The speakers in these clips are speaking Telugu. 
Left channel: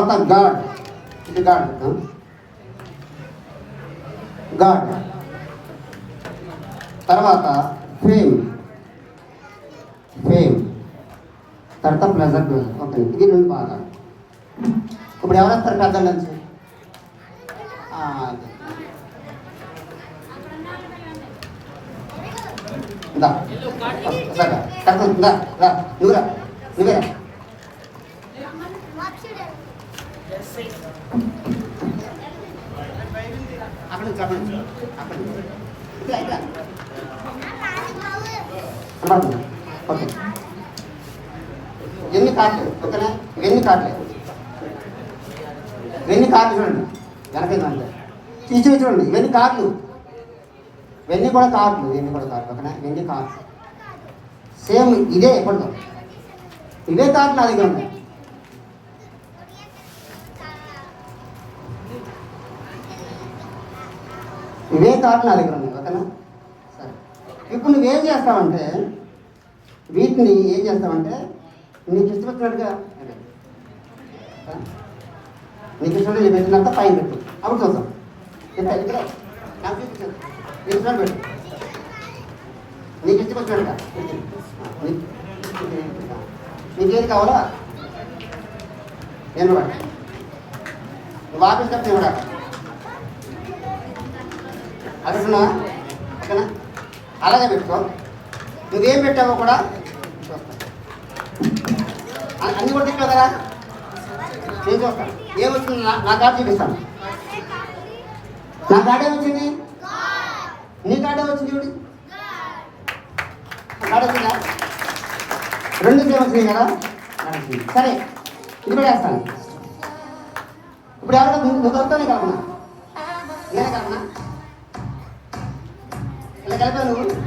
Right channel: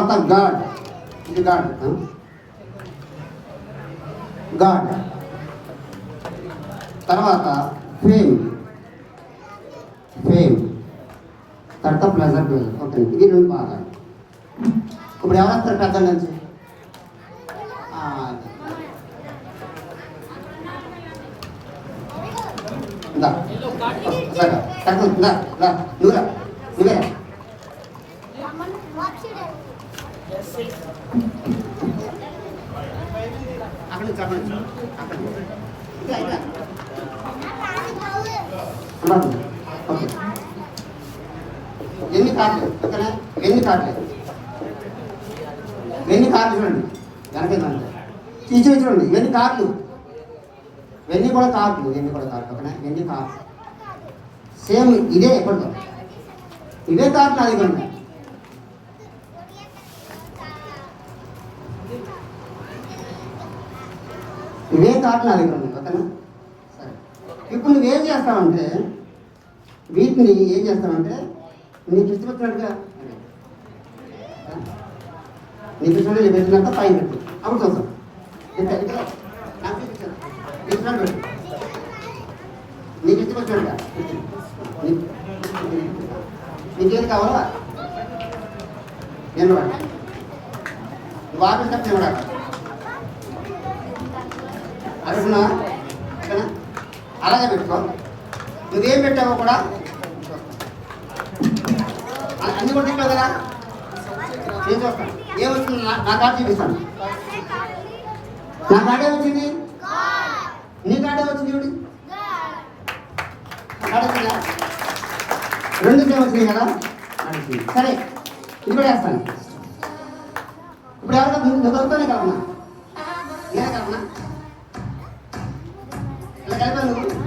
తర్వాత గాడ్, ఇది గాడ్, గాడ్. తర్వాత ఫేమ్, ఫేమ్. తర్వాత ప్లెజర్, ప్లెజర్. ఓకే, ఇది 2 భాగాలు. ఇప్పుడు ఎవరు వస్తారు పెద్ద నుంచి? నువ్వురా, నువ్వే అక్కడ నుంచి, అక్కడ నుంచి, అక్కడ నుంచి. ఓకే, ఎన్ని కార్లు? ఓకేనా, ఎన్ని కార్లు? ఎన్ని కార్లు చూడండి వెనకేందంటే తీసి చూడండి. ఎన్ని కార్లు? ఇవన్నీ కూడా కార్లు, ఇవన్నీ కూడా కార్లు. ఓకేనా, ఇవన్నీ కార్లు సేమ్ ఇదే. ఎప్పటితో ఇవే కార్లు నా దగ్గర ఉన్నాయి. ఇవే కార్లు నా దగ్గర ఉన్నాయి. ఓకేనా, సరే. ఇప్పుడు నువ్వేం చేస్తావంటే వీటిని ఏం చేస్తావంటే నీకు ఇష్టపచ్చినట్టుగా, నీకు ఇష్టం నీ పెట్టినంత పైన పెట్టు. అప్పుడు చూస్తాం. ఇక్కడ నాకు చూపించాను, ఇష్టం పెట్టు. నీకు ఇష్టపచ్చినట్టుగా నీకేది కావాలా నేను కూడా నువ్వు ఆఫీస్ కట్టి కూడా అడుగుతున్నా. ఓకేనా, అలాగే పెట్టుకో. నువ్వేం పెట్టావో కూడా అన్నీ కూడా తింటావు కదా, నేను చూస్తాను. ఏమొచ్చింది నా కార్డు చూపిస్తాను. నా కార్డే వచ్చింది, నీ కార్డే వచ్చింది. చూడు కార్డు వచ్చిందా? 2 సేమ్ వచ్చింది కదా. సరే, ఇది కూడా వేస్తాను. ఇప్పుడు ఎవరో నువ్వుతోనే కావునా, నేనే కావునా, ఇలా కలిపా. నువ్వు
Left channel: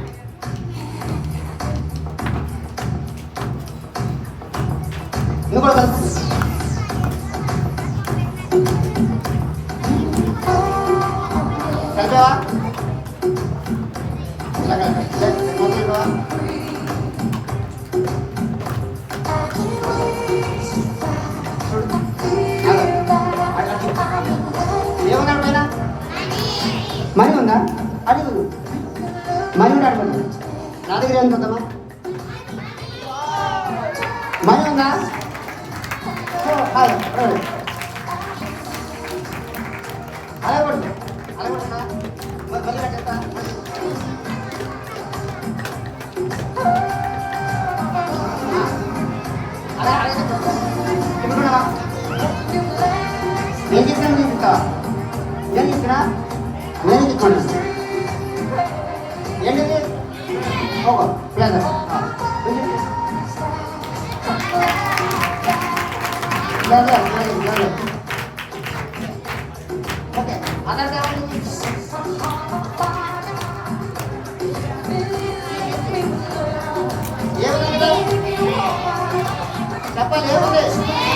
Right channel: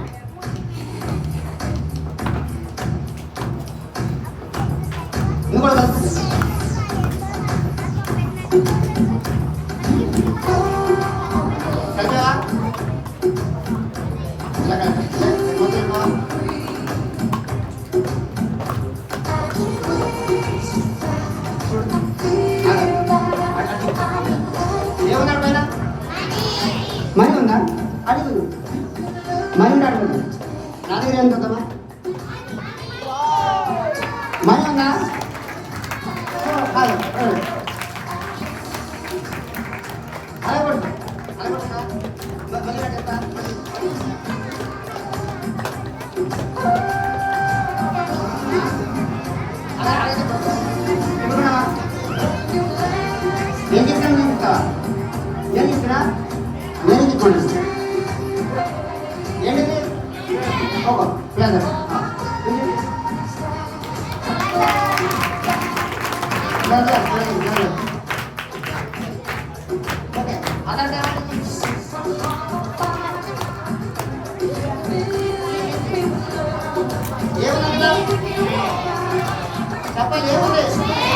నువ్వు కూడా కలుపు. కలిపావా? ఇలా కలిపా. ఏమన్నా పైన మనీ ఉందా? అడుగు. మనీ ఉందా? అడుగు. నా దగ్గర ఎంత ఉందమ్మా? మనీ ఉందా? అలా పడుతుంది, అలా పడుతుందా? మళ్ళీ చెప్తా. అలా అలా చెప్తా. ఏం చెప్పినా చెప్తా. ఏం చెప్పినా నేను చెప్పుకోండి. ఏంటిది? Okay, pleasure. ఓకే, అదర్ కావాలి.